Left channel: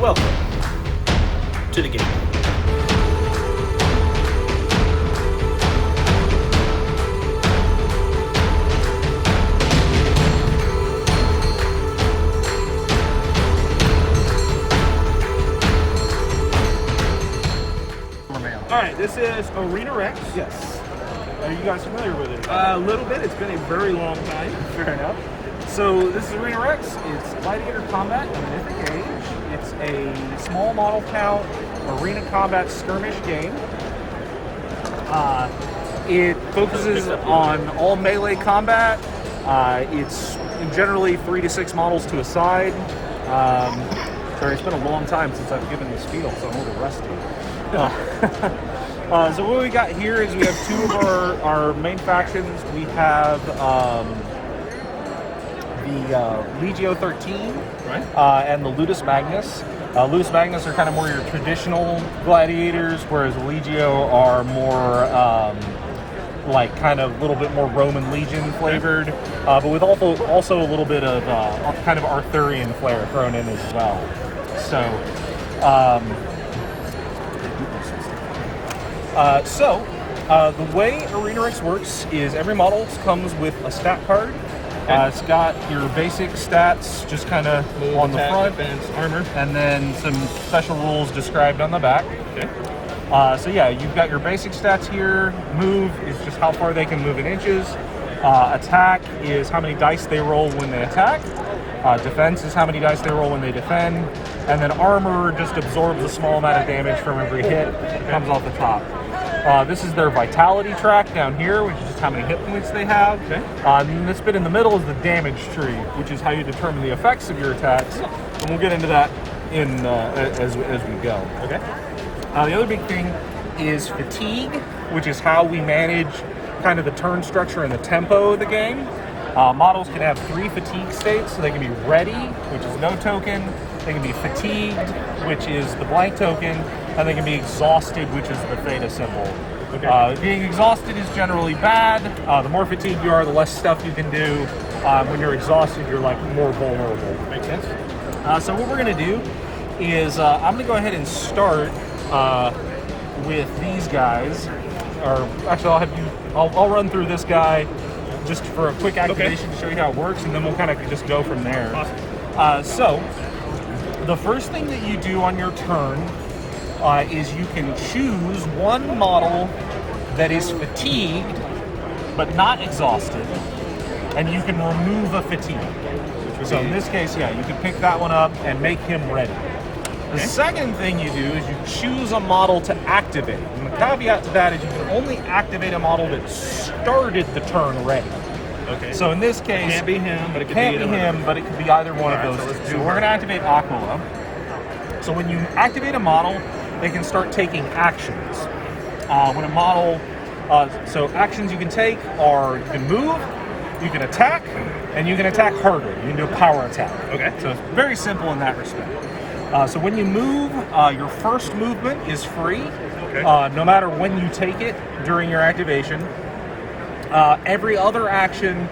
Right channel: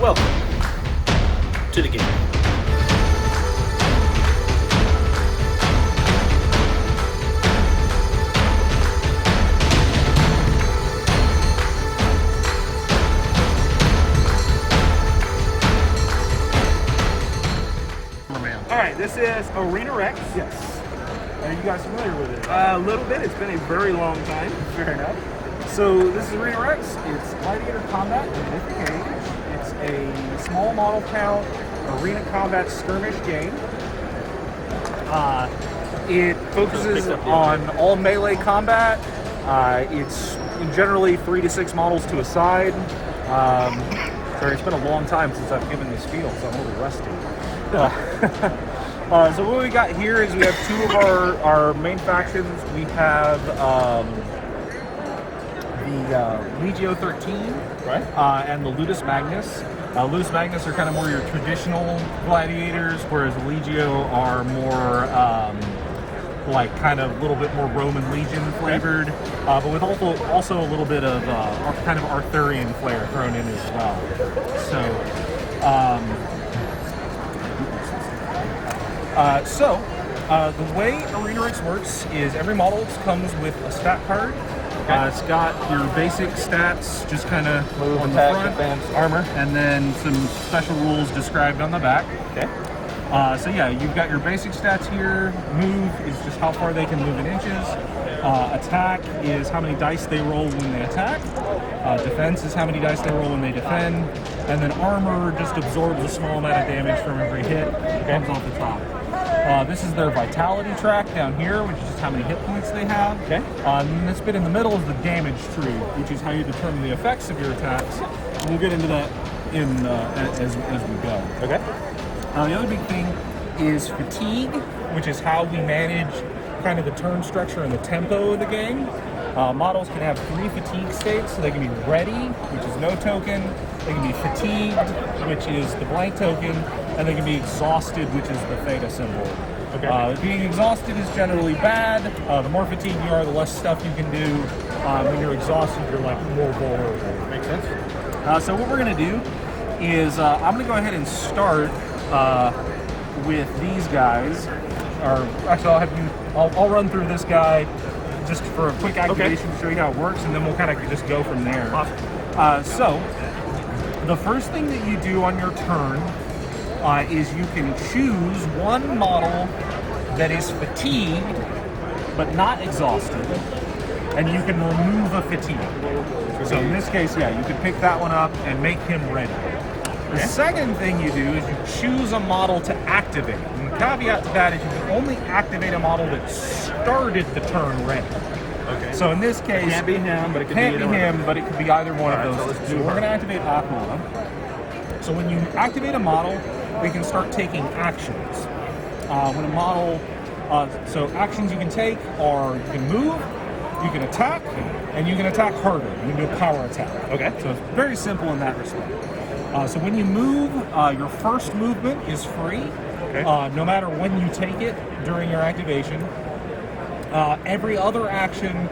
Welcome to the game. Alright, this is Arena Rex. Yes. Are you guys familiar with it? A little bit. It's been a very long time. Fair enough. So this is Arena Rex. It's Gladiator Combat and Mythic Age. It's a small model count arena combat skirmish game. It focuses on all melee combat. It's generally 3 to 6 models to a side. Sorry, it's been a long time since I've given this field, so I'm a little rusty. So what we got here is we have two of our main factions. We have the Legio 13 and the Ludus Magnus. Ludus Magnus are kind of more your traditional gladiators, whereas Legio are more like kind of a little bit more Roman Legion flavored, but with also a little bit of kind of Arthurian flair thrown in as well. So the way Arena Rex works is every model comes with a stat card. It's got your basic stats, just kind of on the front, defense, armor, and then some special rules described on the back. Okay. So yeah, you've got your basic stats here. Move is just how far they can move in inches. Attack is how many dice they roll when they attack. Defense is how many dice they roll when they defend. And then armor just absorbs a small amount of damage from every hit. It comes off the top. This is their vitality track down here, which is just how many hit points they have. Okay. And this bit in the middle is the damage tree, which is how you determine the effects of your attacks. And we'll get into that in as we go. Okay. The other big thing is fatigue, which is how we manage kind of the turn structure and the tempo of the game. Models can have 3 fatigue states, so they can be ready, which is no token, they can be fatigued, which is the blank token, and they can be exhausted, which is the theta symbol. Okay. Being exhausted is generally bad. The more fatigued you are, the less stuff you can do. When you're exhausted, you're like more vulnerable. Makes sense. So what we're going to do is I'm going to go ahead and start with these guys. Or actually, I'll run through this guy just for a quick activation to show you how it works, and then we'll kind of just go from there. Awesome. So the first thing that you do on your turn is you can choose one model that is fatigued but not exhausted, and you can remove a fatigue. So in this case, yeah, you can pick that one up and make him ready. The second thing you do is you choose a model to activate. And the caveat to that is you can only activate a model that started the turn ready. Okay. So in this case, It can't be him, but it could be can't either be one of him, but it could be either one of Alright, those. so let's do So we're her. going to activate Aquila. So when you activate a model, they can start taking actions. When a model, so actions you can take are you can move, you can attack, and you can attack harder. You can do a power attack. Okay. So it's very simple in that respect. So when you move, your first movement is free, no matter when you take it during your activation. Every other action,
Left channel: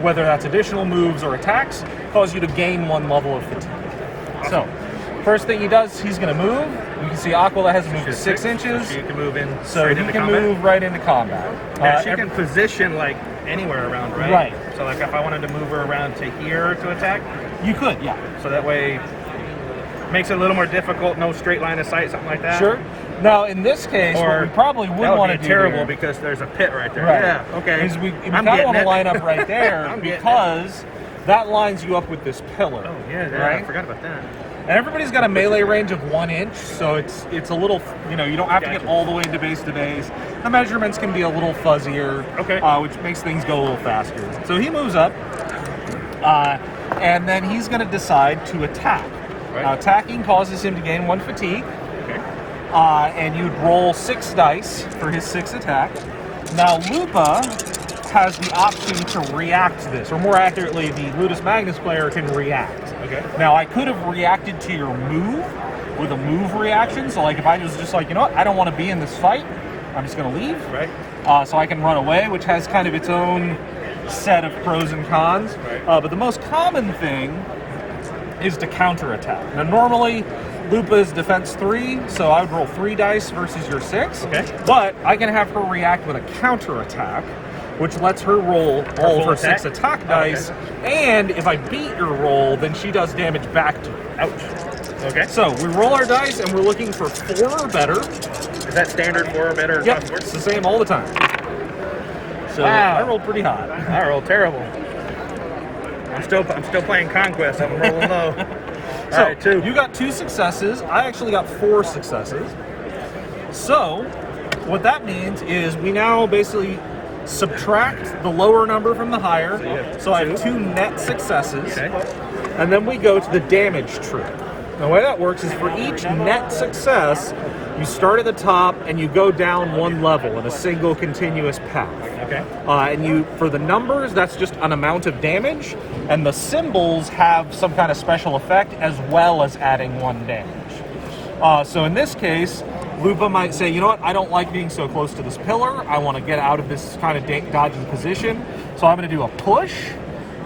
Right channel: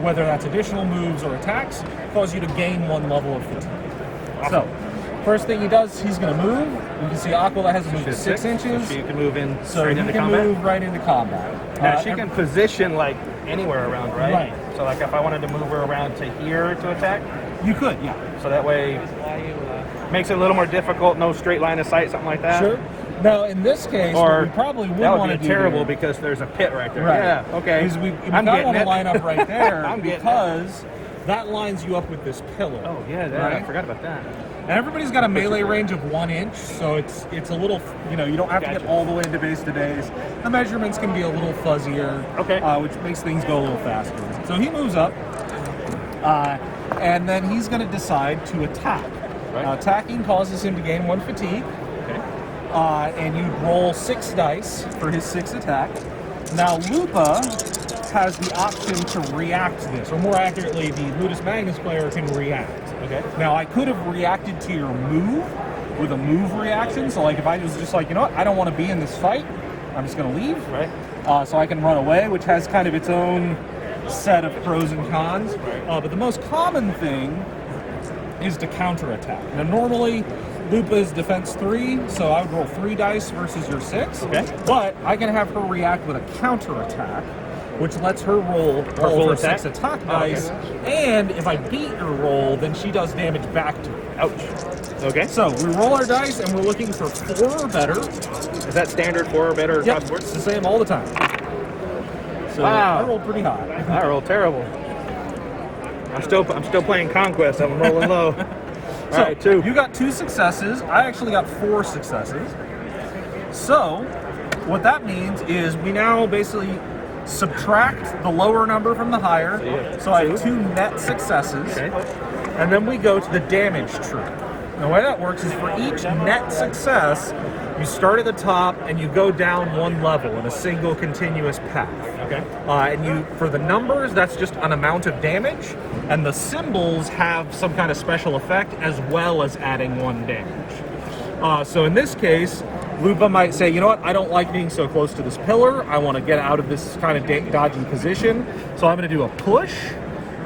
whether that's additional moves or attacks, cause you to gain 1 level of fatigue. So, first thing he does, he's going to move. You can see Aquila has moved to 6 inches, So you can move in. so straight he into can combat. move right into combat. Now she can position like anywhere around, right? Right. So like if I wanted to move her around to here to attack, You could, yeah. so that way makes it a little more difficult. No straight line of sight, something like that. Sure. Now, in this case, what we probably would that want to be do terrible here- because there's a pit right there. Right. Yeah. Okay. is we I'm kind of getting want to it. line up right there I'm getting because that lines you up with this pillar. Oh yeah, yeah. Right? I forgot about that. And everybody's got a melee range of 1 inch, so it's a little, you don't have to get Gotcha. all the way into base to base. The measurements can be a little fuzzier, Okay. Which makes things go a little faster. So he moves up, and then he's going to decide to attack. Right. Now, attacking causes him to gain 1 fatigue, Okay. and you'd roll 6 dice for his 6th attack. Now, Lupa has the option to react to this, or more accurately, the Ludus Magnus player can react. Okay. Now, I could have reacted to your move with a move reaction, so like if I was just like, you know what, I don't want to be in this fight, I'm just going to leave. Right. So I can run away, which has kind of its own set of pros and cons. But the most common thing is to counterattack. Now, normally Lupa's defense 3, so I would roll 3 dice versus your 6. Okay. But I can have her react with a counter attack, which lets her roll all of her 6 attack dice. And if I beat your roll, then she does damage back to you. Ouch. Okay. So we roll our dice, and we're looking for 4 or better. Is that standard 4 or better? Yep, it's the same all the time. So Wow. I rolled pretty high. I rolled terrible. I'm still playing Conquest. I'm rolling low. So All right, 2. You got 2 successes. I actually got 4 successes. So what that means is we now basically subtract the lower number from the higher. So I have 2 net successes. Okay. And then we go to the damage tree. The way that works is for each net success, you start at the top and you go down 1 level in a single continuous path. Okay. And for the numbers, that's just an amount of damage, and the symbols have some kind of special effect as well as adding 1 damage. So in this case, Lupa might say, you know what, I don't like being so close to this pillar. I want to get out of this kind of dodgy position. So I'm going to do a push,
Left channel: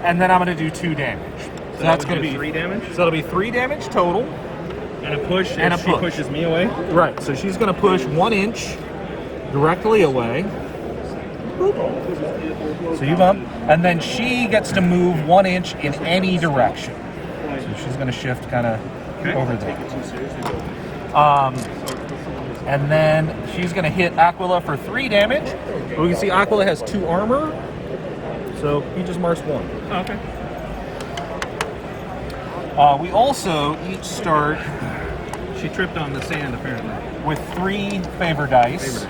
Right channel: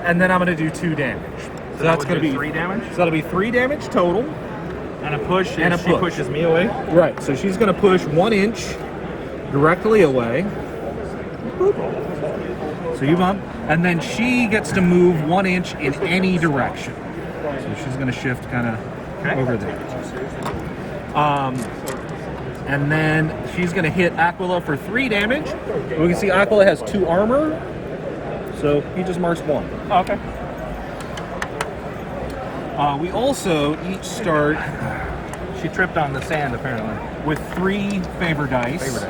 and then I'm going to do 2 damage. So that's going to be 3 damage? So that'll be 3 damage total. And a push And a she push. pushes me away? Right, so she's going to push 1 inch directly away. So you bump, and then she gets to move 1 inch in any direction. So she's going to shift kind of over there. And then she's going to hit Aquila for 3 damage. We can see Aquila has 2 armor, so he just marks 1. Oh, okay. We also each start She tripped on the sand, apparently. with 3 favor dice.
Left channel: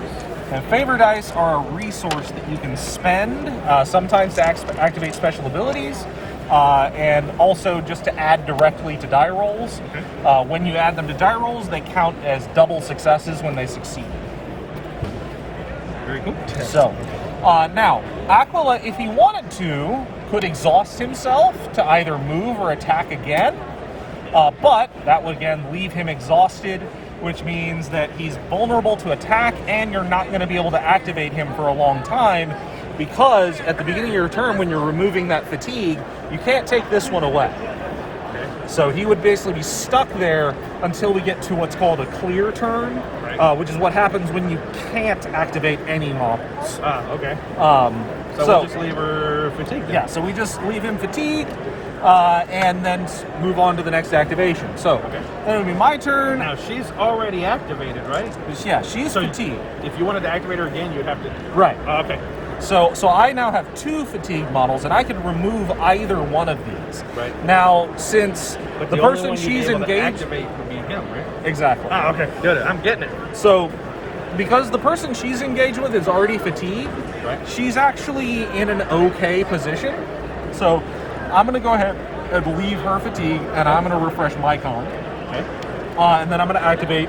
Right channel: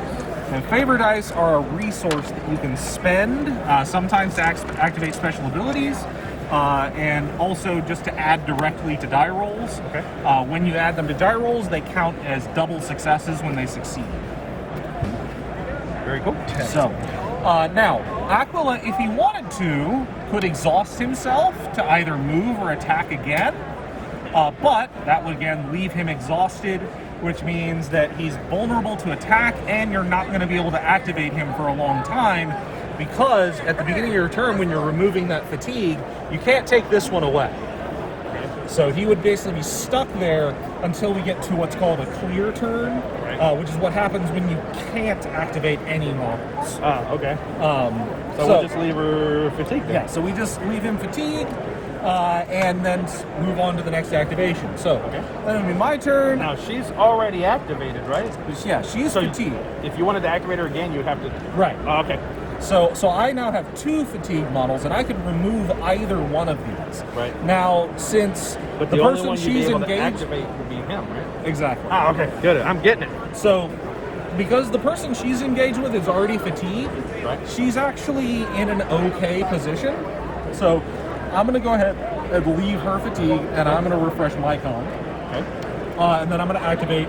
So favor dice are a resource that you can spend, sometimes to activate special abilities, and also just to add directly to die rolls. Okay. When you add them to die rolls, they count as double successes when they succeed. Very cool. So, now, Aquila, if he wanted to, could exhaust himself to either move or attack again, but that would again leave him exhausted, which means that he's vulnerable to attack, and you're not going to be able to activate him for a long time, because at the beginning of your turn, when you're removing that fatigue, you can't take this one away. So he would basically be stuck there until we get to what's called a clear turn, which is what happens when you can't activate any models. Okay. So we'll just leave her fatigued. yeah, so we just leave him fatigued, and then move on to the next activation. So then it'll be my turn. Now she's already activated, right? Yeah, she's fatigued. If you wanted to activate her again, you'd have to. Right. Okay. So I now have 2 fatigue models, and I can remove either one of these. Right. Now, since But the only person one you'd be she's able to engaged, activate would be him, right? exactly. Ah, okay. Good. I'm getting it. So, because the person she's engaged with is already fatigued, Right. she's actually in an okay position. So, I'm going to go ahead and leave her fatigue, and I'm going to refresh my con. Okay. And then I'm going to activate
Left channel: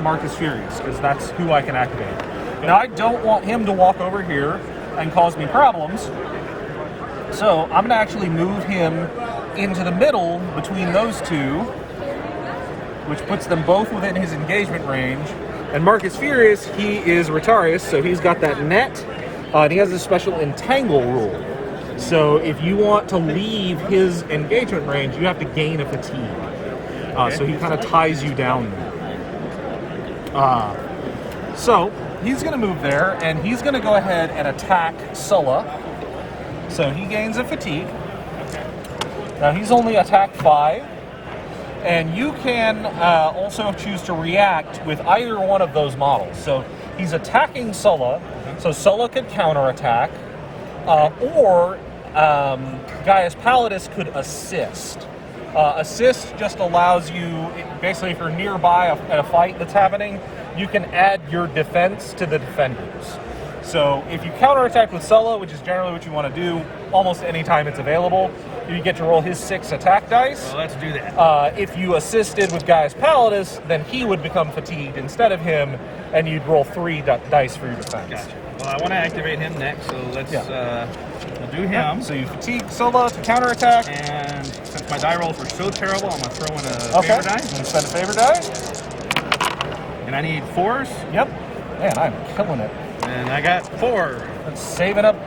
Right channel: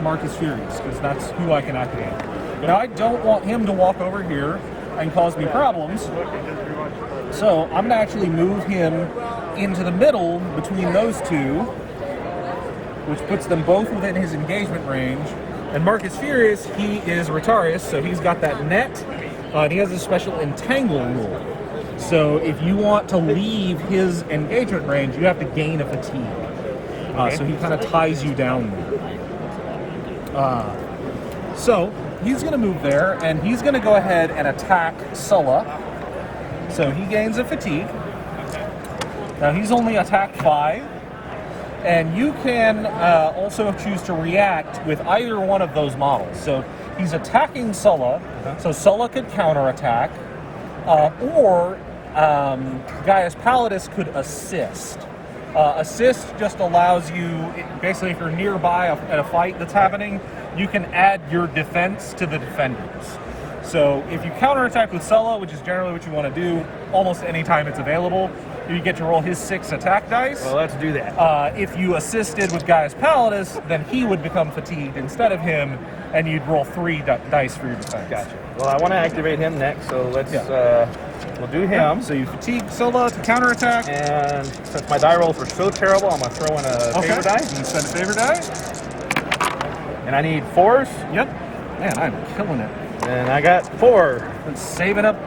Marcus Furious, because that's who I can activate. Now, I don't want him to walk over here and cause me problems. So I'm going to actually move him into the middle between those 2, which puts them both within his engagement range. And Marcus Furious, he is Rotarius, so he's got that net, and he has a special entangle rule. So if you want to leave his engagement range, you have to gain a fatigue. So he kind of ties you down there. So he's going to move there, and he's going to go ahead and attack Sulla. So he gains a fatigue. Now he's only attack 5, and you can also choose to react with either one of those models. So he's attacking Sulla, so Sulla could counterattack, or Gaius Pallidus could assist. Assist just allows you, basically if you're nearby at a fight that's happening, you can add your defense to the defenders. So if you counterattack with Sulla, which is generally what you want to do almost any time it's available, you get to roll his 6 attack dice. Well, let's do that. If you assisted with Gaius Pallidus, then he would become fatigued instead of him, and you'd roll 3 dice for your defense. Gotcha. Well, I want to activate him next, so let's we'll do him. So you fatigue Sulla to counterattack. And since my die rolls were so terrible, I'm going to throw in a favor die. You spend a favor die. And I need 4s. Yep. Man, I'm killing it. And I got 4. Let's saving up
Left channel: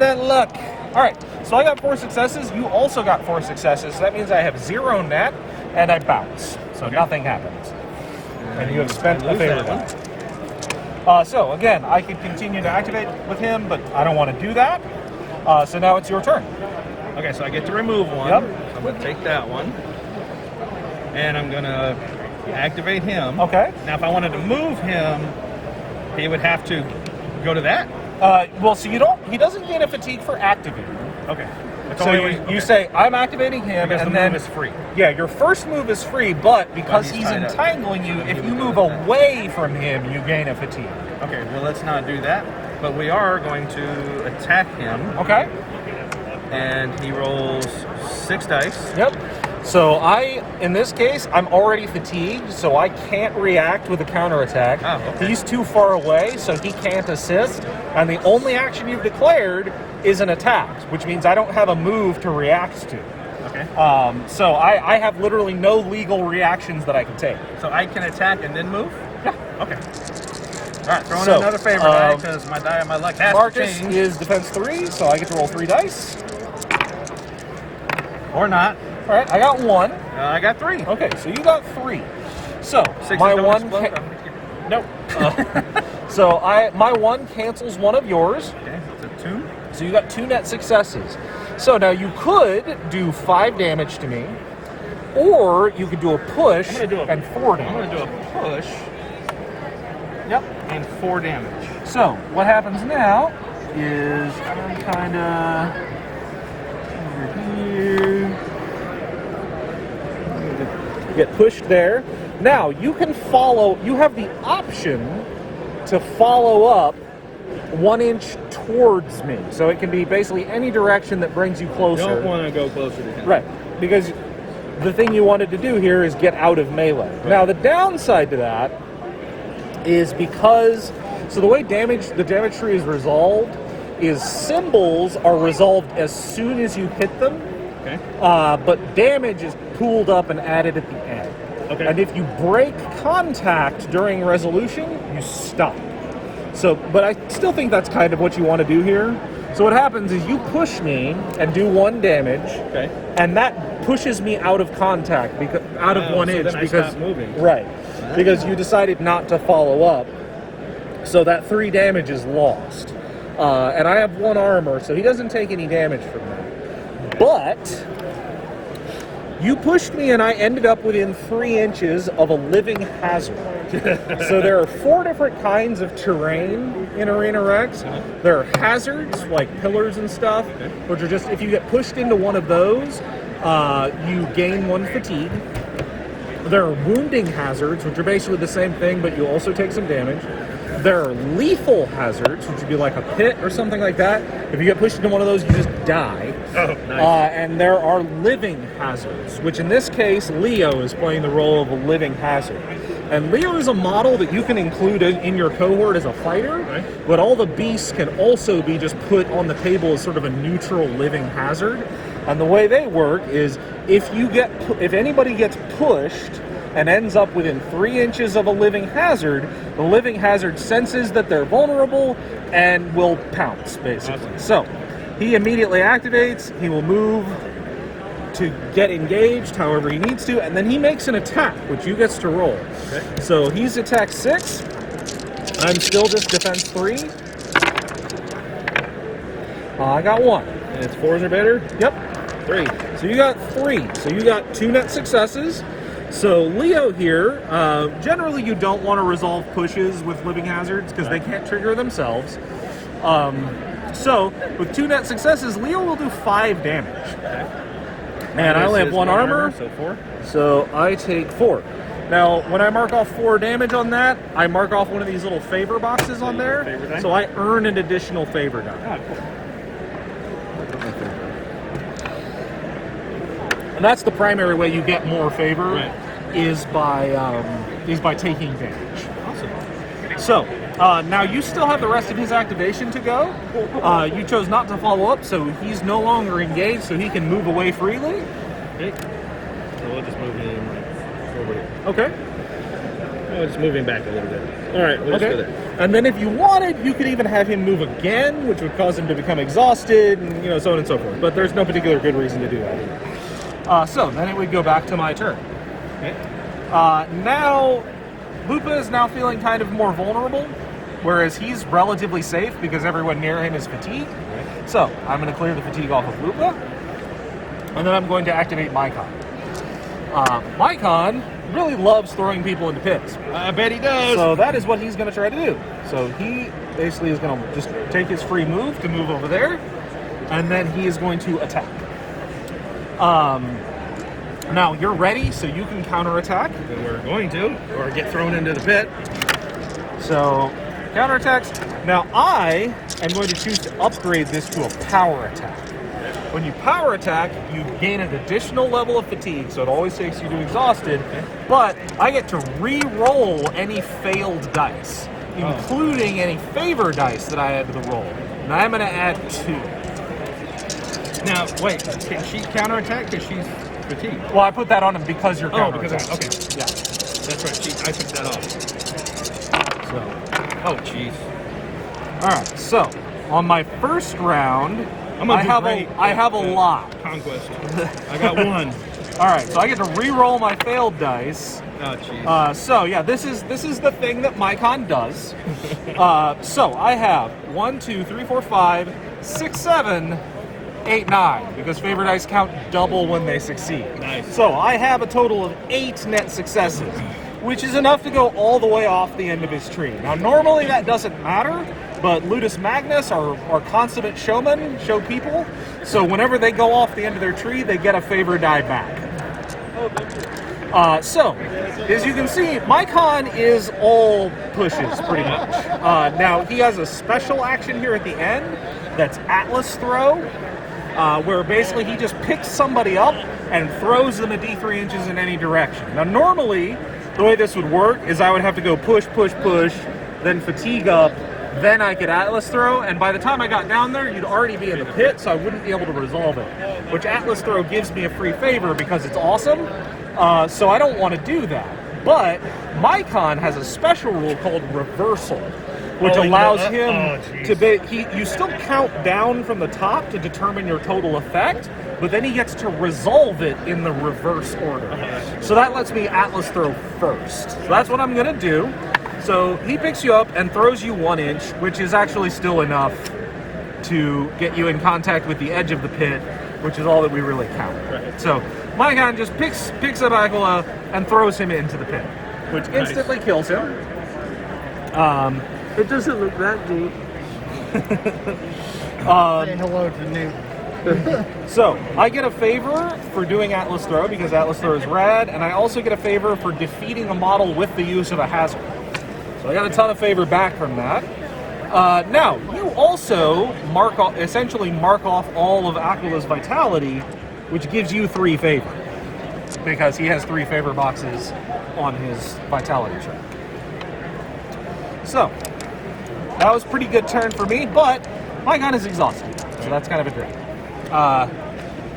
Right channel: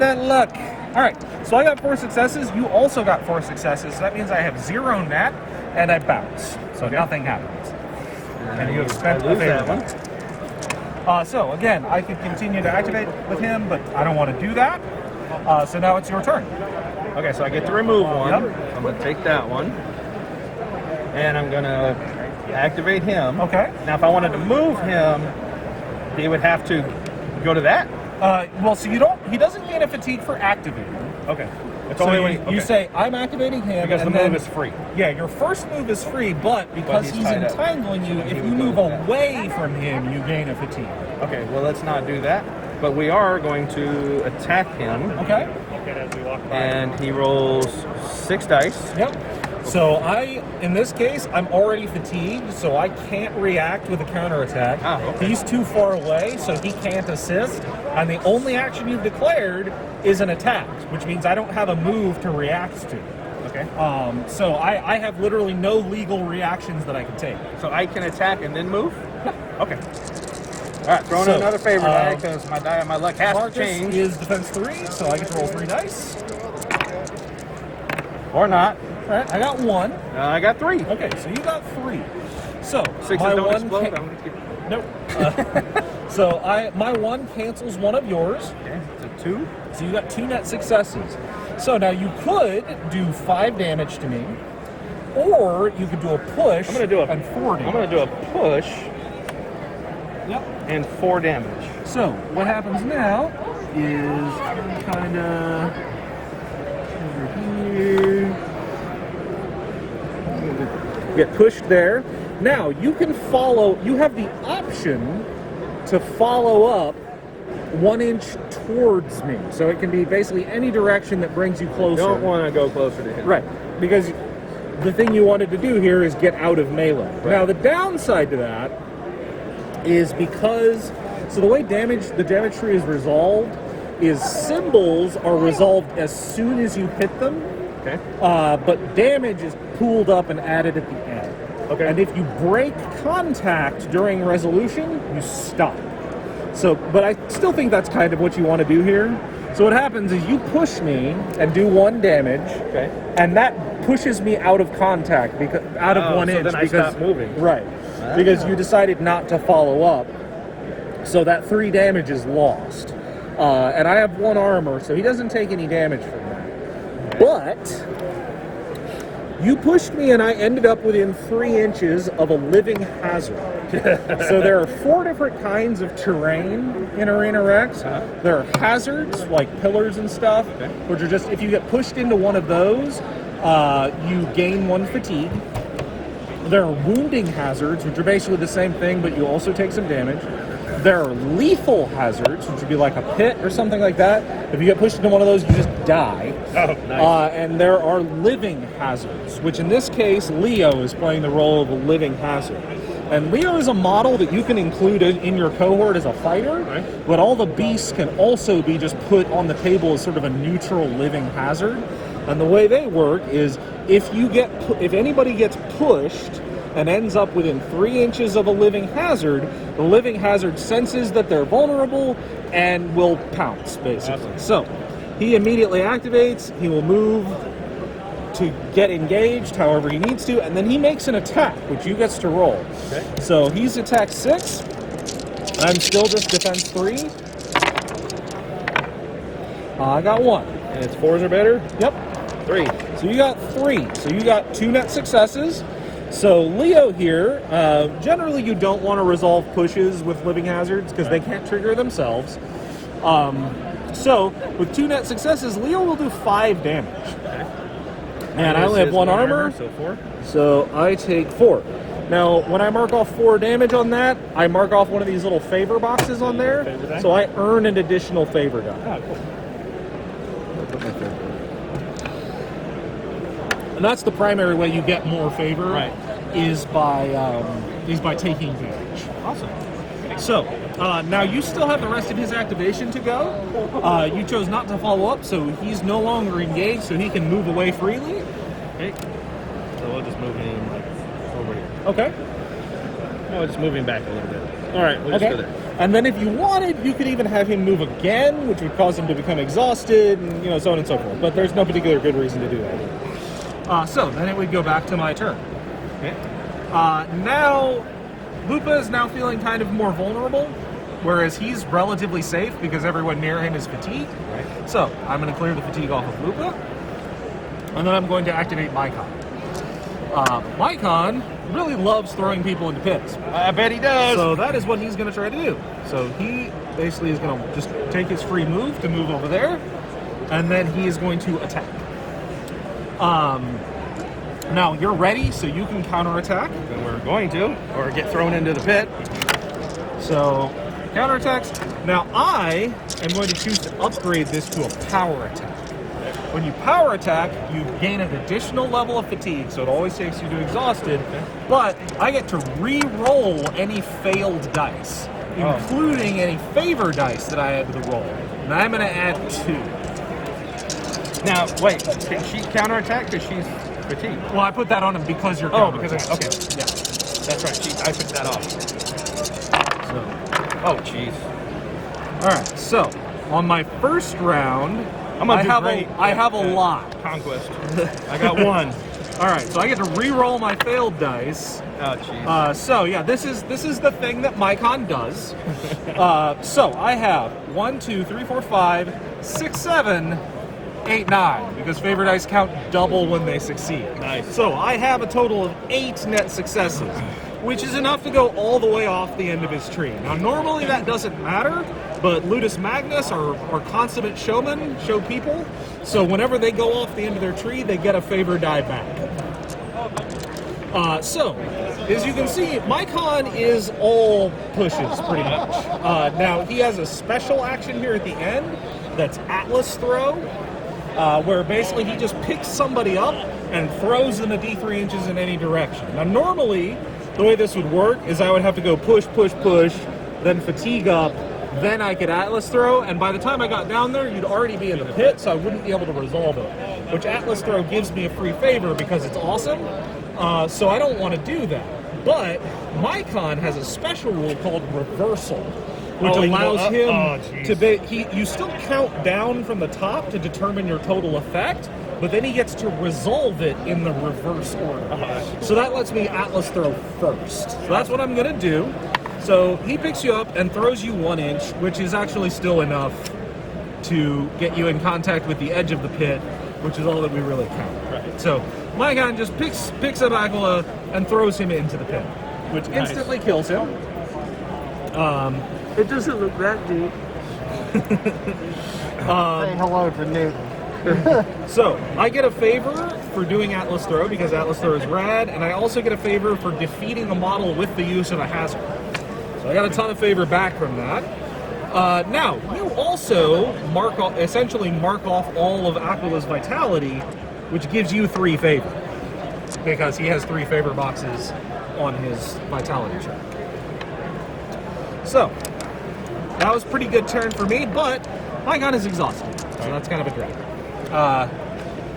that luck. All right, so I got 4 successes. You also got 4 successes. So that means I have 0 net, and I bounce. So nothing happens. And you have spent a favor die. So again, I could continue to activate with him, but I don't want to do that. So now it's your turn. Okay, so I get to remove one. Yep. I'm going to take that one. And I'm going to activate him. Okay. Now, if I wanted to move him, he would have to go to that? Well, so he doesn't gain a fatigue for activating. Okay. That's So only you say, I'm activating him, because and the then move is free. Yeah, your first move is free, but because he's he's tied up. entangling you, if He you would move go to that. away from him, you gain a fatigue. Okay, well, let's not do that. But we are going to attack him. Okay? And he rolls 6 dice. Yep. So in this case, I'm already fatigued, so I can't react with a counterattack. Oh, okay. He's too far away, so he can't assist. And the only action you've declared is an attack, which means I don't have a move to react to. Okay. So I have literally no legal reactions that I can take. So I can attack and then move? Yeah. Okay. All right, throwing So, another favor die because my die on my luck has to Marcus change. is defense 3, so I get to roll 3 dice. Or not. All right, I got 1. I got 3. Okay, so you got 3. So 6 my don't 1 explode. nope. So my 1 cancels one of yours. Okay, so 2. So you got 2 net successes. So now you could do 5 damage to me, or you could do a push and 4 damage. I'm going to do a push. Yep. And 4 damage. So what happens now is I'm kind of over here. Get pushed there. Now you can follow. You have the option to follow up 1 inch towards me. So it can be basically any direction that brings you closer. You don't want to go closer to him. Right. Because the thing you wanted to do here is get out of melee. Right. Now the downside to that is because the way the damage tree is resolved is symbols are resolved as soon as you hit them. Okay. But damage is pooled up and added at the end. Okay. And if you break contact during resolution, you stop. So, but I still think that's kind of what you want to do here. So what happens is you push me and do 1 damage, Okay. and that pushes me out of contact, out of 1 so inch. then I because stop moving. Right. Because you decided not to follow up. So that 3 damage is lost. And I have 1 armor, so he doesn't take any damage from that. But you pushed me and I ended up within 3 inches of a living hazard. So there are 4 different kinds of terrain in Arena Rex. There are hazards, like pillars and stuff, which are just, if you get pushed into one of those, you gain 1 fatigue. There are wounding hazards, which are basically the same thing, but you also take some damage. There are lethal hazards, which would be like a pit or something like that. If you get pushed into one of those, you just die. Oh, nice. And there are living hazards, which in this case, Leo is playing the role of a living hazard. And Leo is a model that you can include in your cohort as a fighter, Right. but all the beasts can also be just put on the table as sort of a neutral living hazard. And the way they work is if anybody gets pushed and ends up within 3 inches of a living hazard, the living hazard senses that they're vulnerable and will pounce, basically. Awesome. So he immediately activates, he will move to get engaged however he needs to, and then he makes an attack, which he gets to roll. Okay. So he's attack 6. I'm still just defense 3. I got 1. And it's 4s or better? Yep. 3. So you got 3. So you got 2 net successes. So Leo here, generally you don't want to resolve pushes with living hazards because they can't trigger themselves. So with 2 net successes, Leo will do 5 damage. And I only have 1 armor, so 4. so I take 4. Now, when I mark off 4 damage on that, I mark off one of these little favor boxes on there, Favor die? so I earn an additional favor die. Ah, cool. And that's the primary way you get more favor, Right. is by taking damage. Awesome. So, now you still have the rest of his activation to go. You chose not to follow up, so he's no longer engaged, so he can move away freely. Okay. So we'll just move him over here. Okay. Oh, it's moving back a little bit. All right, we'll just go there. And then if you wanted, you could even have him move again, which would cause him to become exhausted, and so on and so forth. But there's no particular good reason to do that. So then it would go back to my turn. Okay. Now, Lupa is now feeling kind of more vulnerable, whereas he's relatively safe because everyone near him is fatigued. Right. So I'm going to clear the fatigue off of Lupa, and then I'm going to activate Mycon. Mycon really loves throwing people into pits. I bet he does. So that is what he's going to try to do. So he basically is going to just take his free move to move over there, and then he is going to attack. Now you're ready, so you can counterattack. And we're going to, or get thrown into the pit. So counterattacks. Now I am going to choose to upgrade this to a power attack. When you power attack, you gain an additional level of fatigue, so it always takes you to exhausted, but I get to re-roll any failed dice, including any favor dice that I had to roll. And I'm going to add 2. Now, wait, can she counterattack because she's fatigued? Well, I put that on him because you're Oh, because counterattacking. okay. Yeah. That's right. I took that off. So, Oh, jeez. all right, so on my first round, I have a lot. Conquest. I got 1. All right, so I get to re-roll my failed dice. Oh, jeez. So yeah, this is the thing that Mycon does. So I have 1, 2, 3, 4, 5, 6, 7, 8, 9, because favor dice count double when they succeed. Nice. So I have a total of 8 net successes, which is enough to go all the way off the end of his tree. Now normally that doesn't matter, but Ludus Magnus are consummate showmen, show people, so whenever they go off the end of their tree, they get a favor die back. So, as you can see, Mycon is all pushes, pretty much. Now, he has a special action here at the end, that's Atlas Throw, where basically he just picks somebody up and throws them a d3 inches in any direction. Now, normally, the way this would work is I would have to go push, push, push, then fatigue up, then I could Atlas Throw, and by the time I got down there, you'd already be in the pit, so I wouldn't be able to resolve it. Which Atlas Throw gives me a free favor because it's awesome, so I don't want to do that. But Mycon has a special rule called Reversal, which allows him to be... You still count down from the top to determine your total effect, but then he gets to resolve it in the reverse order. So that lets me Atlas Throw first. So that's what I'm going to do. So he picks you up and throws you 1 inch, which is actually still enough to get you in contact with the edge of the pit, which is all that we really count. Right. So Mycon just picks up Aquila and throws him into the pit, which instantly kills him. It doesn't look that deep. Say hello to Newton. So I get a favor for doing Atlas Throw because Atlas Throw is rad, and I also get a favor for defeating a model with the use of a hazard. So I got a ton of favor back from that. Now, you also essentially mark off all of Aquila's vitality, which gives you 3 favor, because he has 3 favor boxes on his vitality check. So, that was a pretty good turn for me, but Mycon is exhausted, so that's kind of a drag.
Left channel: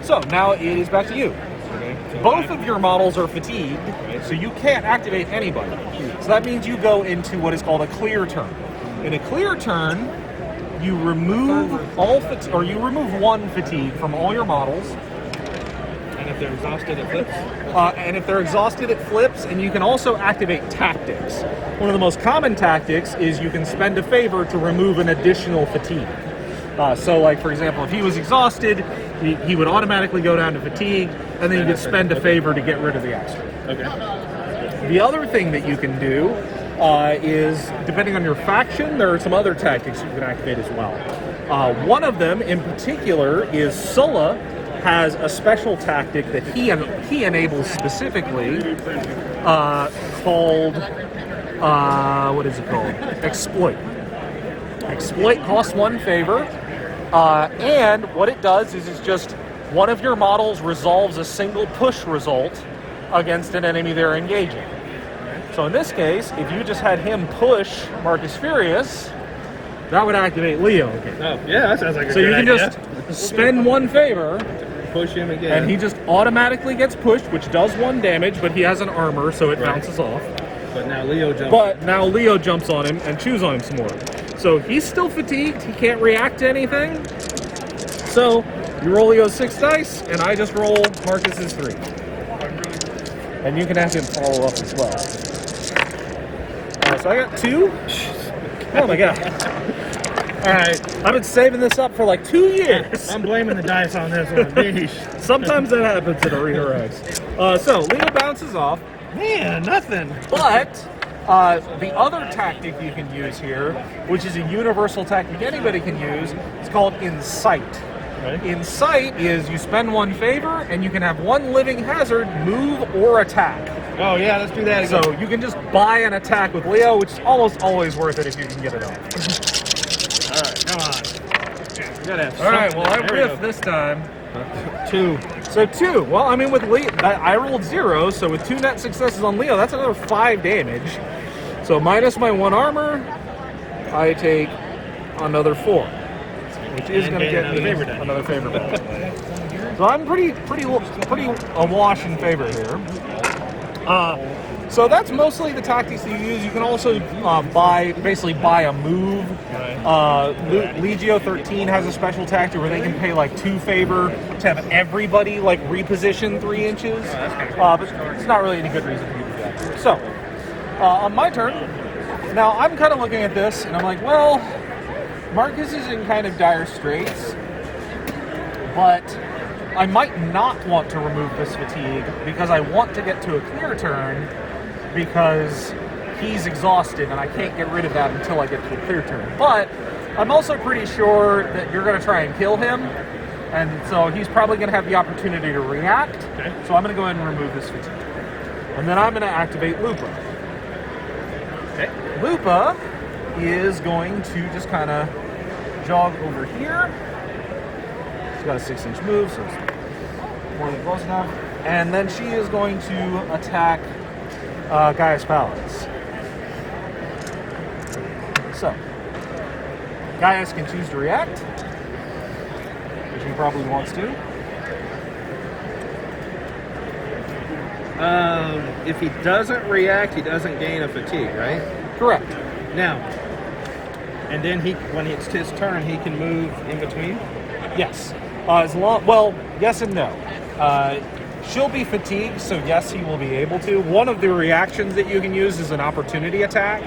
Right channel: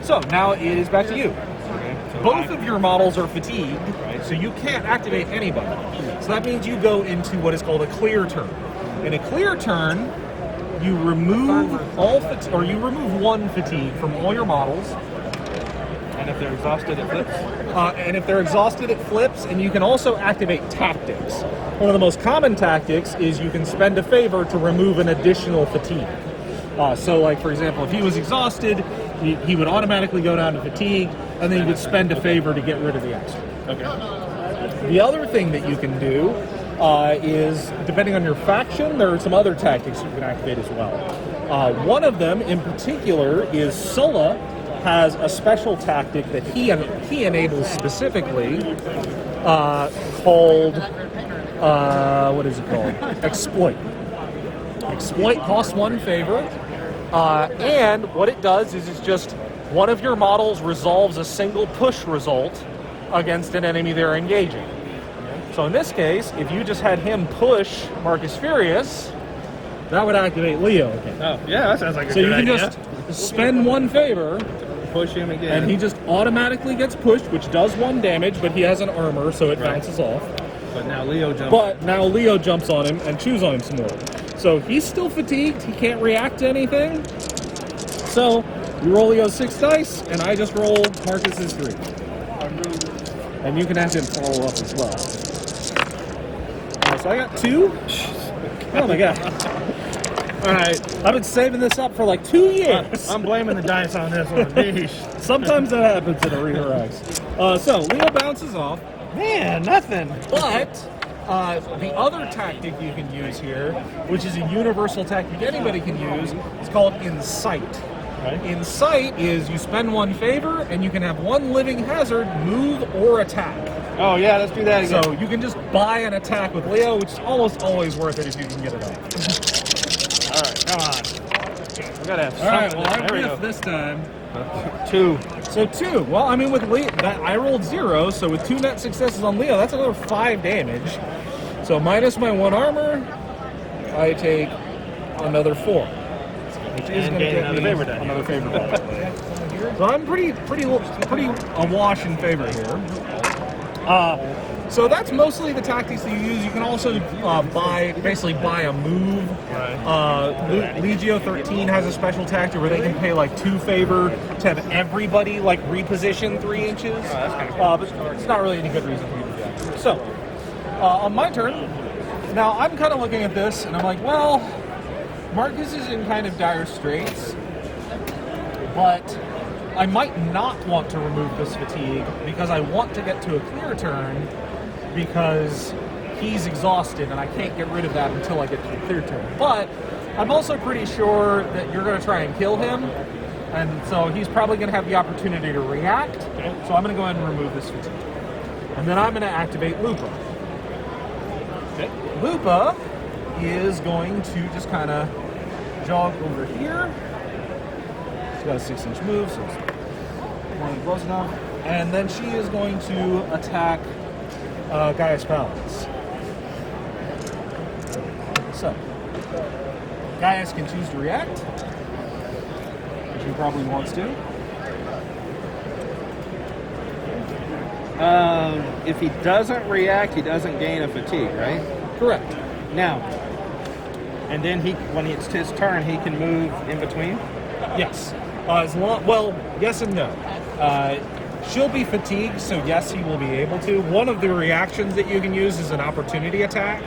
So, now it is back to you. Okay. So Both of your models are fatigued, so you can't activate anybody. So that means you go into what is called a clear turn. In a clear turn, you remove you remove 1 fatigue from all your models. And if they're exhausted, it flips? And if they're exhausted, it flips, and you can also activate tactics. One of the most common tactics is you can spend a favor to remove an additional fatigue. So, like, for example, if he was exhausted, he would automatically go down to fatigue, and then you could spend a favor to get rid of the extra. Okay. The other thing that you can do is, depending on your faction, there are some other tactics you can activate as well. One of them, in particular, is Sulla has a special tactic that he enables specifically called, what is it called? Exploit. Exploit costs 1 favor, and what it does is it's just one of your models resolves a single push result against an enemy they're engaging. So in this case, if you just had him push Marcus Furious, that would activate Leo again. Oh, yeah, that sounds like a So good you idea. can just spend 1 favor, Push him again. and he just automatically gets pushed, which does 1 damage, but he has an armor, so it Right. bounces off. But now Leo jumps. But now Leo jumps on him and chews on him some more. So he's still fatigued. He can't react to anything. So you roll Leo's 6 dice, and I just roll Marcus's 3. And you can have him follow up as well. So I got 2. Oh my god. Alright, I've been saving this up for like 2 years. I'm blaming the dice on this one. Yeesh. Sometimes that happens in Arena Rex. So Leo bounces off. Man, nothing. But the other tactic you can use here, which is a universal tactic anybody can use, is called Incite. Right. Incite is you spend 1 favor and you can have 1 living hazard move or attack. Oh yeah, let's do that again. So you can just buy an attack with Leo, which is almost always worth it if you can get it off. Alright, come on. We gotta have Alright, something. well I There we riffed go. this time. 2. So 2. Well, I mean with Leo, I rolled 0, so with 2 net successes on Leo, that's another 5 damage. So minus my 1 armor, I take another 4. Which is And going to gain get another me favor die. another favor die. So I'm pretty awash in favor here. So that's mostly the tactics that you use. You can also basically buy a move. Legio 13 has a special tactic where they can pay like 2 favor to have everybody like reposition 3 inches. that's kinda cool. But it's not really any good reason for you to do that. So on my turn, now I'm kind of looking at this and I'm like, well, Marcus is in kind of dire straits, but I might not want to remove this fatigue because I want to get to a clear turn because he's exhausted and I can't get rid of that until I get to a clear turn. But I'm also pretty sure that you're going to try and kill him, and so he's probably going to have the opportunity to react. Okay. So I'm going to go ahead and remove this fatigue. And then I'm going to activate Lupa. Okay. Lupa is going to just kind of jog over here. She's got a 6-inch move, so it's more than close enough. And then she is going to attack Gaius Palance. So, Gaius can choose to react, which he probably wants to. If he doesn't react, he doesn't gain a fatigue, right? Correct. Now, and then when it's his turn, he can move in between? Yes. Yes and no. She'll be fatigued, so yes, he will be able to. One of the reactions that you can use is an opportunity attack.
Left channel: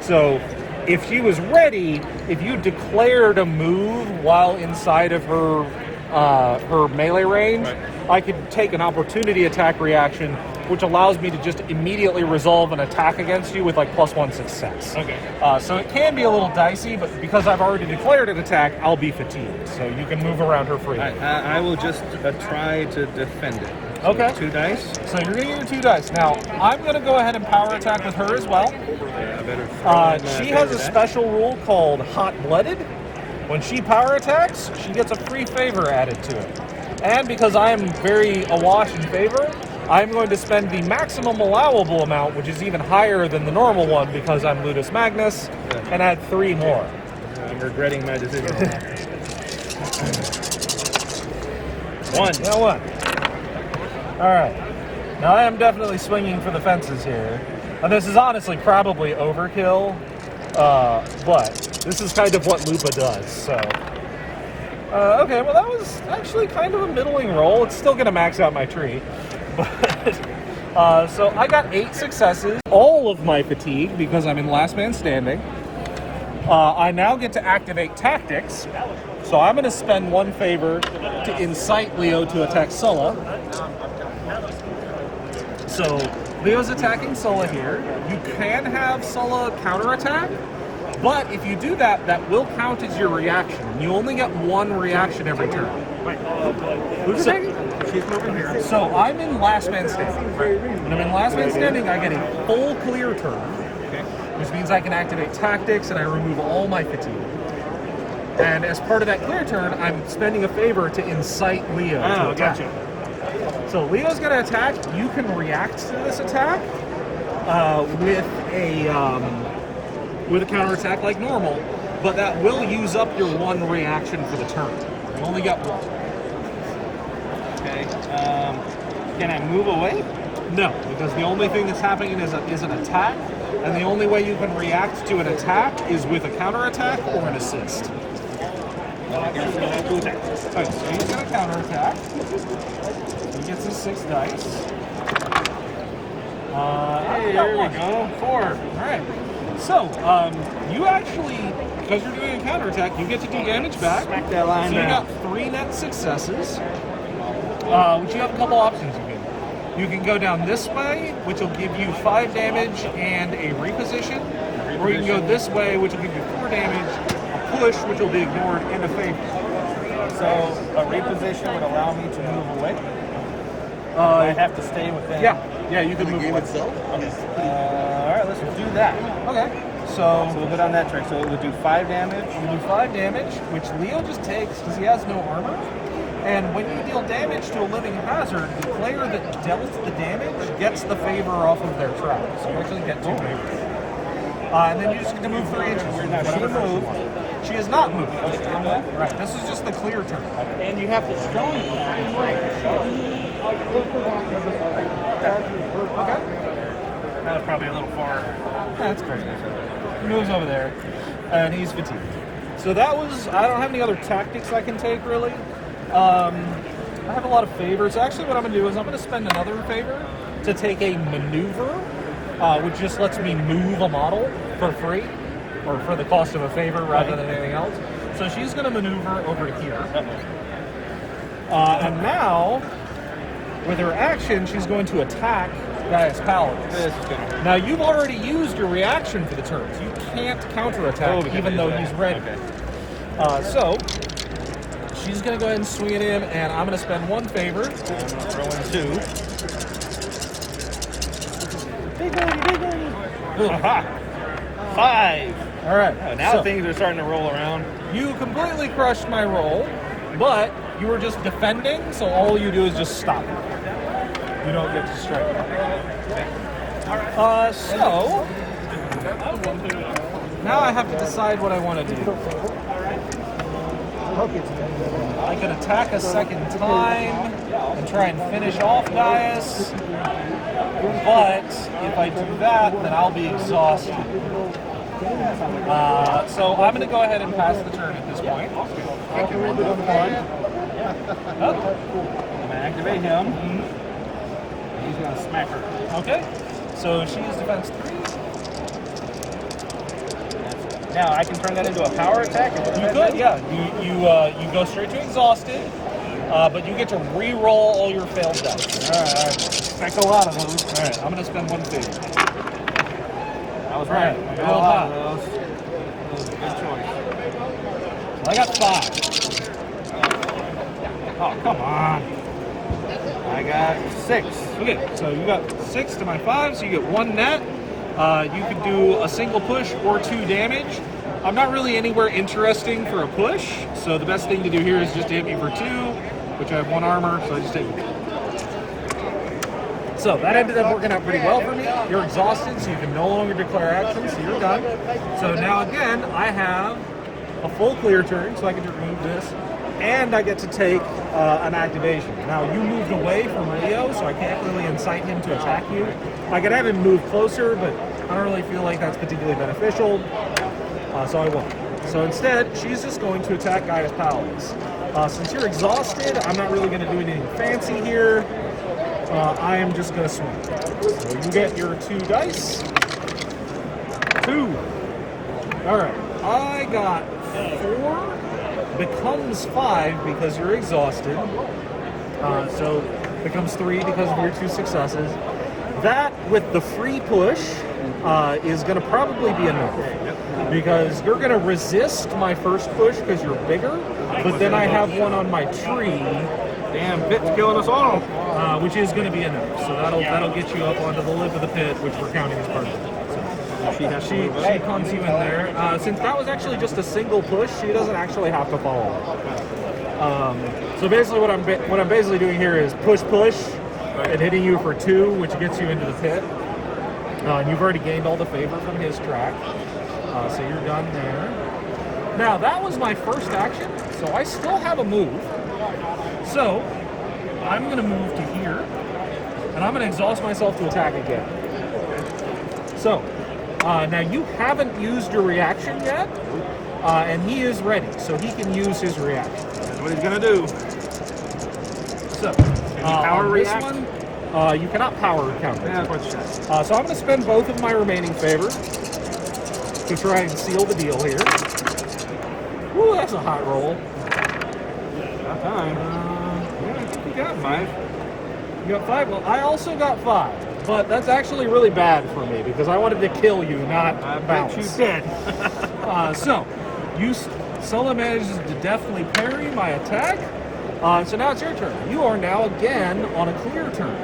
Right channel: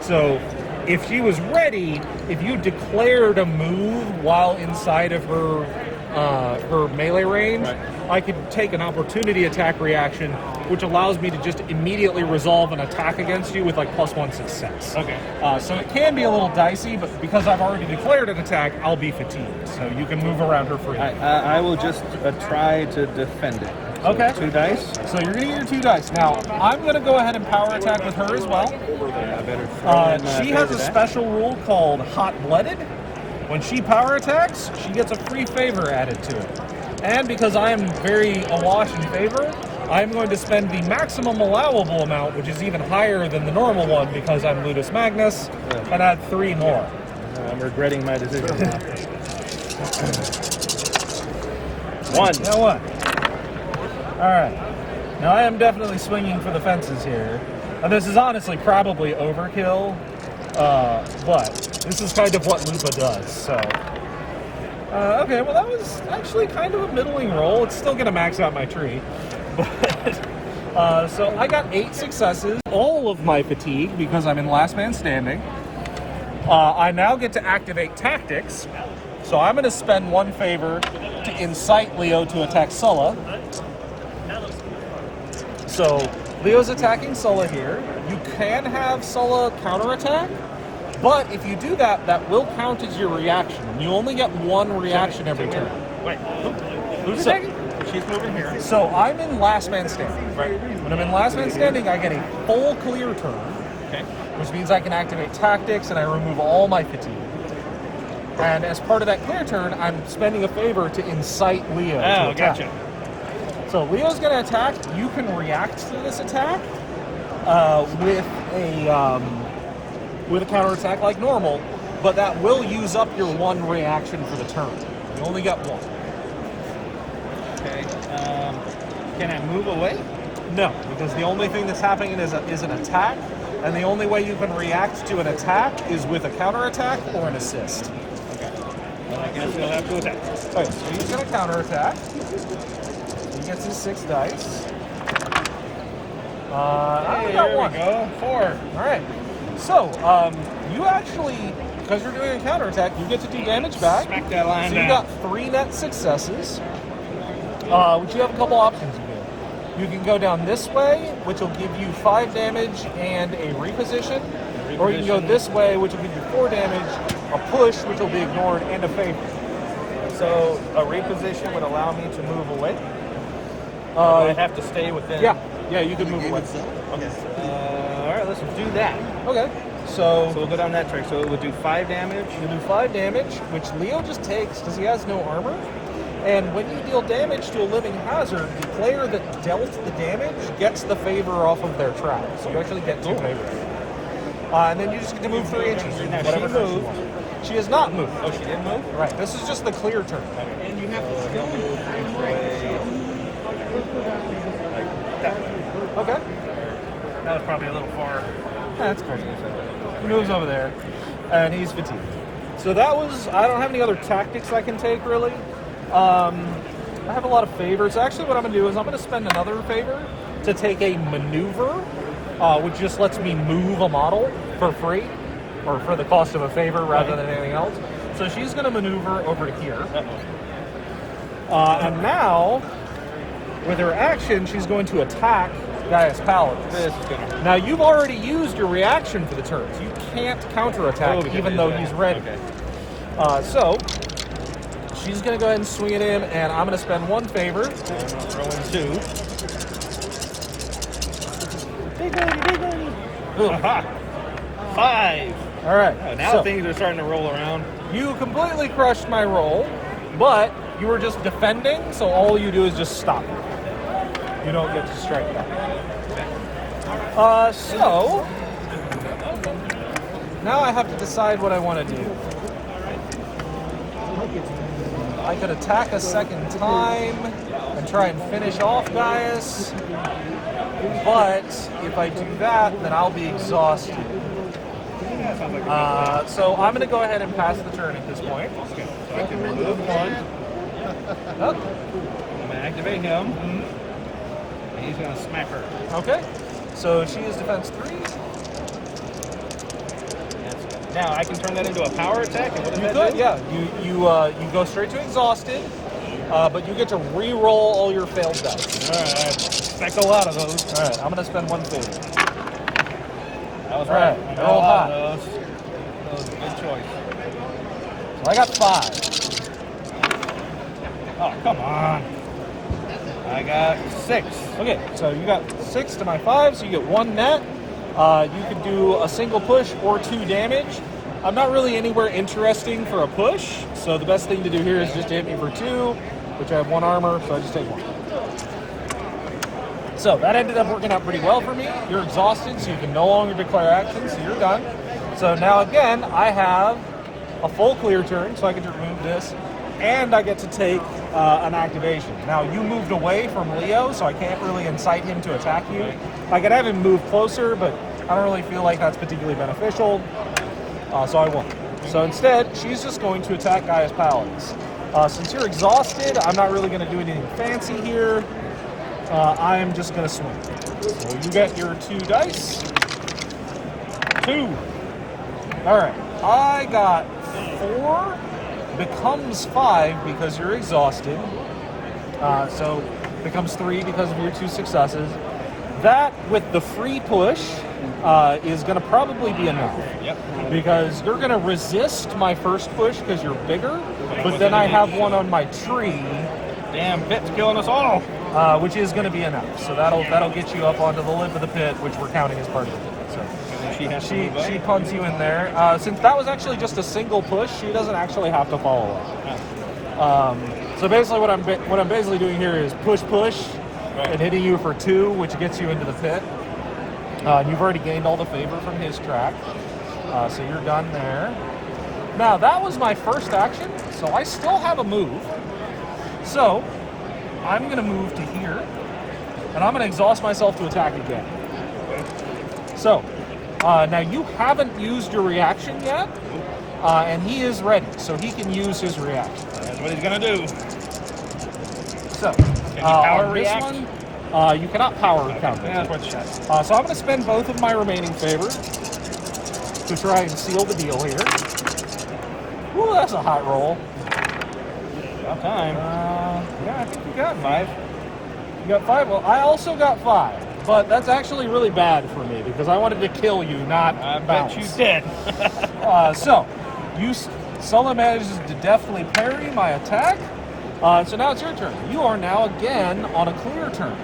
So if she was ready, if you declared a move while inside of her melee range, right, I could take an opportunity attack reaction, which allows me to just immediately resolve an attack against you with like +1 success. Okay. So it can be a little dicey, but because I've already declared an attack, I'll be fatigued. So you can move around her freely. I will just try to defend it. So Okay. 2 dice. So you're going to get your 2 dice. Now, I'm going to go ahead and power attack with her as well. Yeah, I better throw in, She has a favor die. special rule called Hot-Blooded. When she power attacks, she gets a free favor added to it. And because I am very awash in favor, I'm going to spend the maximum allowable amount, which is even higher than the normal one because I'm Ludus Magnus, and add 3 more. I'm regretting my decision now. 1. You know what? Alright. Now I am definitely swinging for the fences here. And this is honestly probably overkill, but this is kind of what Lupa does, so. Okay, well that was actually kind of a middling roll. It's still going to max out my tree. But, so I got 8 successes, all of my fatigue because I'm in last man standing. I now get to activate tactics, so I'm going to spend 1 favor to incite Leo to attack Sulla. So Leo's attacking Sulla here. You can have Sulla counterattack, but if you do that, that will count as your reaction. You only get 1 reaction every turn. Wait, who's attacking? She's moving here. So I'm in last man standing. Right. When I'm in last man standing, I get a full clear turn, Okay. which means I can activate tactics and I remove all my fatigue. And as part of that clear turn, I'm spending a favor to incite Leo to Oh, attack. gotcha. So Leo's going to attack. You can react to this attack with a counterattack like normal, but that will use up your 1 reaction for the turn. You only got 1. Okay. Can I move away? No, because the only thing that's happening is an attack, and the only way you can react to an attack is with a counterattack or an assist. I guess he'll have to attack. Alright, so he's going to counterattack. He gets his 6 dice. Hey, there we go. 4. Alright. So, you actually, because you're doing a counterattack, you get to do damage back. Smack that line So you down. got 3 net successes, which you have a couple options you can. You can go down this way, which will give you 5 damage and a reposition. Or you can go this way, which will give you 4 damage, a push, which will be ignored, and a favor. So a reposition would allow me to move away. I'd have to stay within. Yeah, you can move away. Okay. All right, let's do that. Okay, So we'll go down that track. So it would do 5 damage. you do 5 damage, which Leo just takes because he has no armor. And when you deal damage to a living hazard, the player that dealt the damage gets the favor off of their track. So you actually get 2 favors. And then you just get to move 3 inches. Now, she whatever turn moved. wants. She has not moved. Okay, didn't move? Right, this is just the clear turn. And you have to stone Okay. That was probably a little far. That's crazy. He moves over there, and he's fatigued. So that was, I don't have any other tactics I can take, really. I have a lot of favors. Actually, what I'm going to do is I'm going to spend another favor to take a maneuver, which just lets me move a model for free, or for the cost of a favor rather than anything else. So she's going to maneuver over to here. And now, with her action, she's going to attack Gaius Paladins. This is gonna. Now, you've already used your reaction for the turn. So you can't counterattack even though he's ready. Okay. So, she's going to go ahead and swing at him, and I'm going to spend 1 favor. I'm gonna throw in 2. Ugh. Aha! 5. All right. Oh, now so things are starting to roll around. you completely crushed my roll, but you were just defending, so all you do is just stop. You don't get to strike. So now I have to decide what I want to do. I could attack a second time and try and finish off Gaius, but if I do that, then I'll be exhausted. So I'm going to go ahead and pass the turn at this point. I can remove 1. Oh, I'm gonna activate him. And he's gonna smack her. okay. So she is defense 3. Now I can turn that into a power attack. You could, yeah. You go straight to exhausted, but you get to re-roll all your failed dice. All right. Expect a lot of those. All right, I'm going to spend 1 favor. That was All right, right. roll high. That was a good choice. So I got 5. Oh, come on. I got 6. Okay, so you got 6 to my 5, so you get 1 net. You can do a single push or 2 damage. I'm not really anywhere interesting for a push, so the best thing to do here is just to hit me for 2, which I have 1 armor, so I just take 1. So that ended up working out pretty well for me. You're exhausted, so you can no longer declare action, so you're done. So now again, I have a full clear turn, so I can remove this, and I get to take an activation. Now, you moved away from Leo, so I can't really incite him to attack you. I could have him move closer, but I don't really feel like that's particularly beneficial, so I won't. So instead, she's just going to attack Gaius Paladins. Since you're exhausted, I'm not really going to do anything fancy here. I am just going to swing. So you get your 2 dice. 2. All right. I got 4. Becomes 5 because you're exhausted. So becomes 3 because of your 2 successes. That, with the free push, is going to probably be enough. Yep. Because you're going to resist my first push because you're bigger, but then I have one on my tree. Damn, pit's killing us all. Which is going to be enough. So that'll get you up onto the lip of the pit, which we're counting as part of it. So she punts you in there. Since that was actually just a single push, she doesn't actually have to follow. So basically, what I'm basically doing here is push, and hitting you for 2, which gets you into the pit. And you've already gained all the favor from his track, so you're done there. Now that was my first action, so I still have a move. So I'm going to move to here, and I'm going to exhaust myself to attack again. So, now you haven't used your reaction yet, and he is ready, so he can use his reaction. That's what he's gonna do. So, power on react? this one, you cannot power counter. Yeah, that's what she said. So I'm going to spend both of my remaining favor to try and seal the deal here. Ooh, that's a hot roll. About time. Yeah, I think we got 5. You got 5? Well, I also got 5. But that's actually really bad for me because I wanted to kill you, not I bet bounce. you did. So, Solo manages to deftly parry my attack. So now it's your turn. You are now again on a clear turn.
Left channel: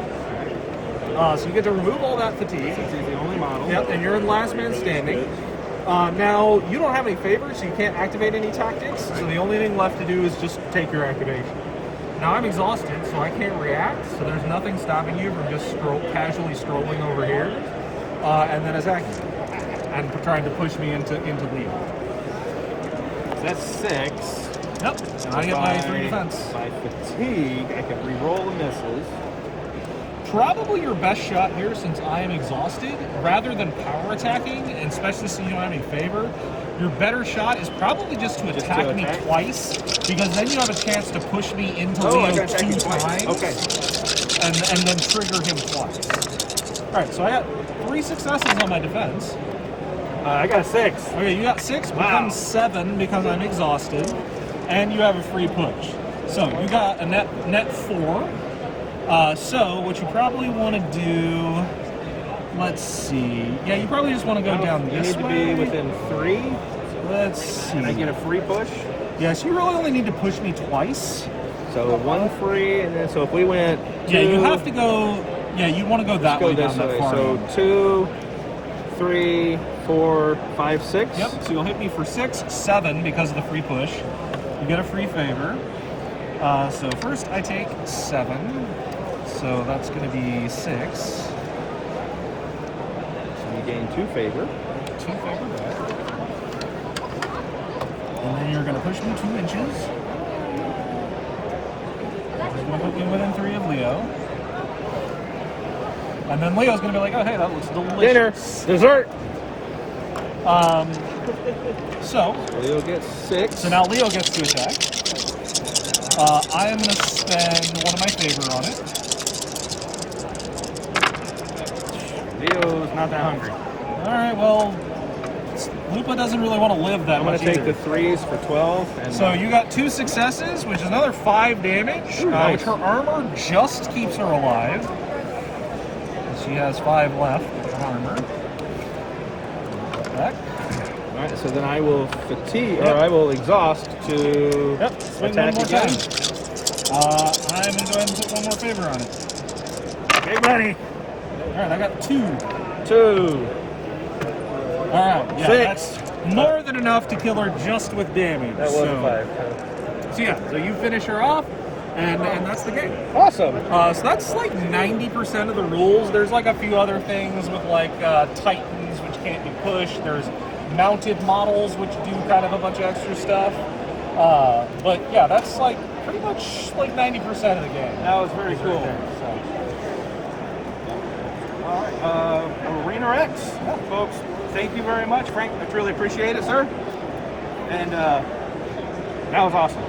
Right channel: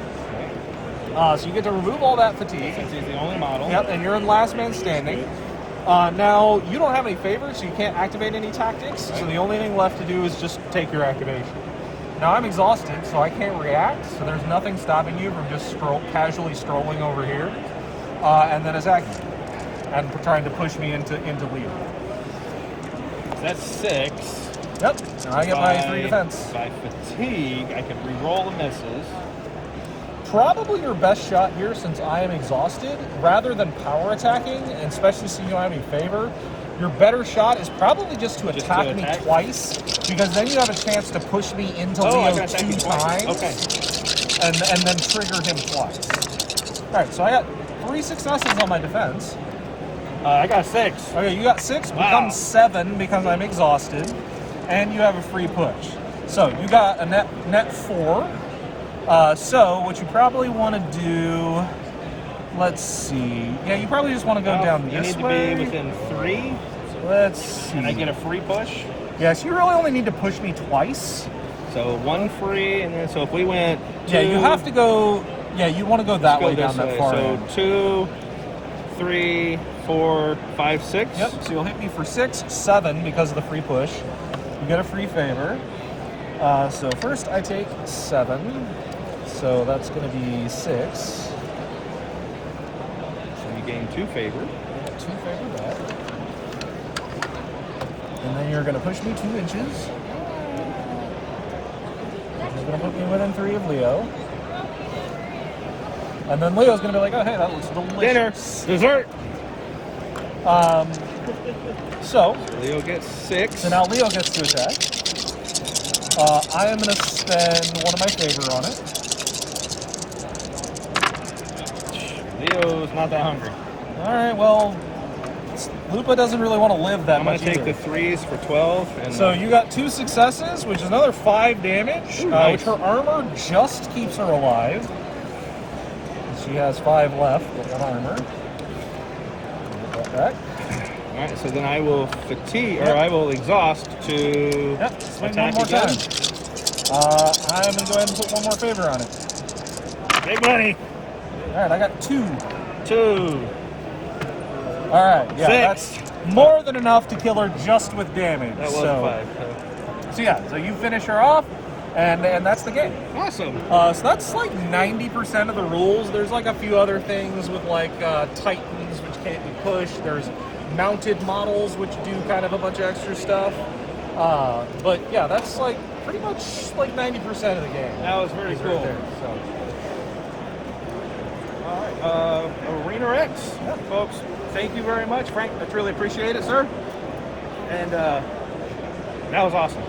So you get to remove all that fatigue. He's the only model. Yep, and you're in last man standing. Now, you don't have any favors, so you can't activate any tactics. So the only thing left to do is just take your activation. Now, I'm exhausted, so I can't react. So there's nothing stopping you from just casually strolling over here and then attacking and trying to push me into Leo. That's 6. Yep, and I get my 3 defense. By fatigue, I can re-roll the misses. Probably your best shot here, since I am exhausted, rather than power attacking, and especially since you don't have any favor, your better shot is probably just to attack me twice, because then you have a chance to push me into Leo 2 times, Okay. and then trigger him twice. Alright, so I got 3 successes on my defense. I got 6. Okay, you got 6, Wow. becomes 7 because I'm exhausted, and you have a free push. So you got a net 4. So what you probably want to do, let's see. Yeah, you probably just want to go down You this need way. to be within 3. Let's see. And I get a free push. Yeah, so you really only need to push me twice. So 1 free, and then so if we went 2, Yeah, you have to go. Yeah, you want to go that way down that far. So 2, 3, 4, 5, 6. Yep. So you'll hit me for 6, 7 because of the free push. You get a free favor. So first I take 7. So that's going to be 6. So you gain 2 favor. 2 favor back. And then you're going to push me 2 inches. You're going to put me within 3 of Leo. And then Leo's going to be like, oh, hey, that looks delicious. Dinner. Dessert. So Leo gets 6. So now Leo gets to attack. I am going to spend 1 of my favor on it. Leo's not that hungry. Alright, well, Lupa doesn't really want to live that I'm going much to take either. the 3s for 12. And So you got 2 successes, which is another 5 damage, nice. which her armor just keeps her alive. She has 5 left of armor. Put that back. Alright, so then I will fatigue, or I will exhaust to Swing attack one more again. time. I'm going to go ahead and put 1 more favor on it. Big money. Alright, I got 2. 2. Alright, yeah, 6. that's more than enough to kill her just with damage. That was so, a 5. So yeah, so you finish her off, and that's the game. Awesome. So that's like 90% of the rules. There's like a few other things with like titans, which can't be pushed. There's mounted models, which do kind of a bunch of extra stuff. But yeah, that's like pretty much like 90% of the game. That was very cool. Right there, so. All right, Arena X, folks. Thank you very much, Frank. I truly appreciate it, sir. And that was awesome.